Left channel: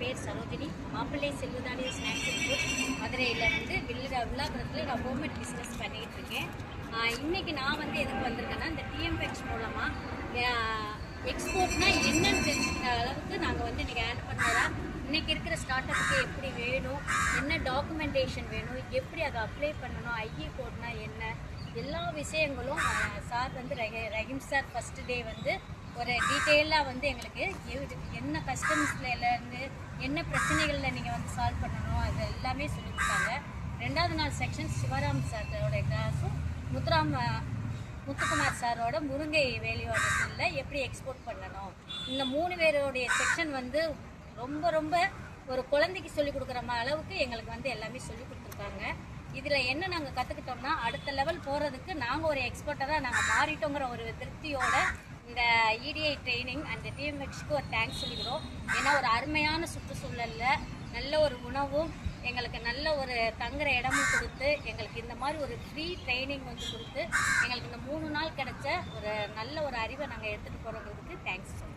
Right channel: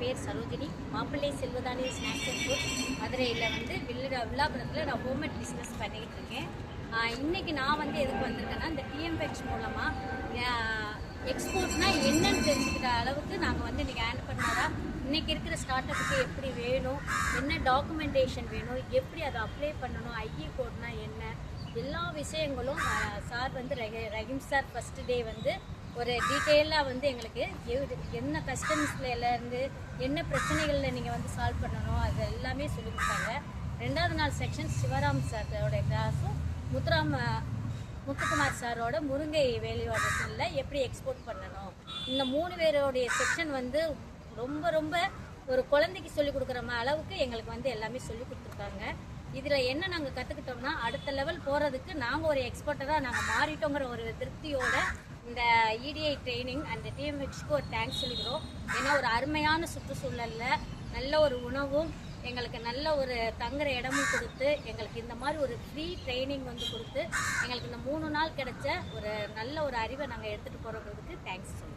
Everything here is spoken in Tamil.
பேர் சரோஜினி. மாப்பிள்ளை செல்வதானி ஸ்நாக்ஸ் அண்ட் ஃபுட் மதுரையில் வந்து வில்லாபுரத்தில் நான் ஹோம்மேட் பிஸ்னஸ் பண்ணிகிட்டு இருக்கேன். இன்றைக்கி நான் வந்து எதுக்கு வந்திருக்கேன்னா, இந்த டிஎம்எக்ஸ் மூலமாக எக்ஸ்போர்ட்னா என்னன்னு தெரிஞ்சுக்கிற அளவுக்கு நாங்கள் வந்து இன்றைக்கி ஆண்டர்பிரனராக இன்றைக்கி இருக்கிற ஸ்டார்ட் அப்புக்கு எப்படி வேணும், என்ன டாக்குமெண்டேஷன் வேணும், எப்படி அதை அப்ளை பண்ணணும், ஐஇ கோட்னா என்ன, எல்லா விஷயங்களும் சார் வந்து ரஹீம் சார் ஃபஸ்ட்டு டே வந்து ஒரு டீட்டெயிலாக வந்து எங்களுக்கு என்ன கஸ்டம்ஸ்லேருந்து என்ன பிரச்சனைகளில் நீங்கள் வந்து சால்வ் பண்ணணும் அது எல்லாமே சொல்லி கொடுத்தாங்க. 2வது நாள் செக்ஷன் சிவராம் சாரோட கிளாஸும் முத்துக்குமார் சாரோட முருங்கை வேல்யூவேஷனில் எப்படி எக்ஸ்போர்ட் பண்ணணும், இந்த 3 பேரோடைய செக்ஷன் வந்து ரொம்ப ரொம்ப ஒரு குழந்தைக்கு சொல்லிக் கொடுக்குற அளவுக்கு எங்களுக்கு வந்து எல்லாமே சொல்லி கொடுத்துருக்காங்க. இதில் என்ன நாங்கள் கற்றுக்கிட்டோம்னா, அடுத்த லெவல் போகிறதுக்கு நாங்கள் ஒரு எக்ஸ்பர்ட்டராக நாங்கள் மாறிட்டோங்கிற ஒரு திருப்தியோட இந்த இடிஐ ட்ரைனிங் அண்ட் டிஎம்எக்ஸ்க்கு ஒரு தேங்க்ஸ் சொல்லிக்கிறோம். ஏன்னா ஒரு அருமையான சுற்றுச்சூழலில் நல்ல ஒரு உணவும் எங்களுக்கு நல்ல ஒரு தங்குற இடமும் கொடுத்து எங்களுக்கு இந்த மாதிரி ஒரு ஃப்ரீ ட்ரைனிங் வந்து கொடுத்து எங்களுக்கு இந்த 3 நாள் கிடைச்ச ஒரு நல்ல ஒரு அறிவை நாங்கள் எடுத்துகிட்டு போகிறதுக்கு தேங்க்ஸ் சொல்லுவோம்.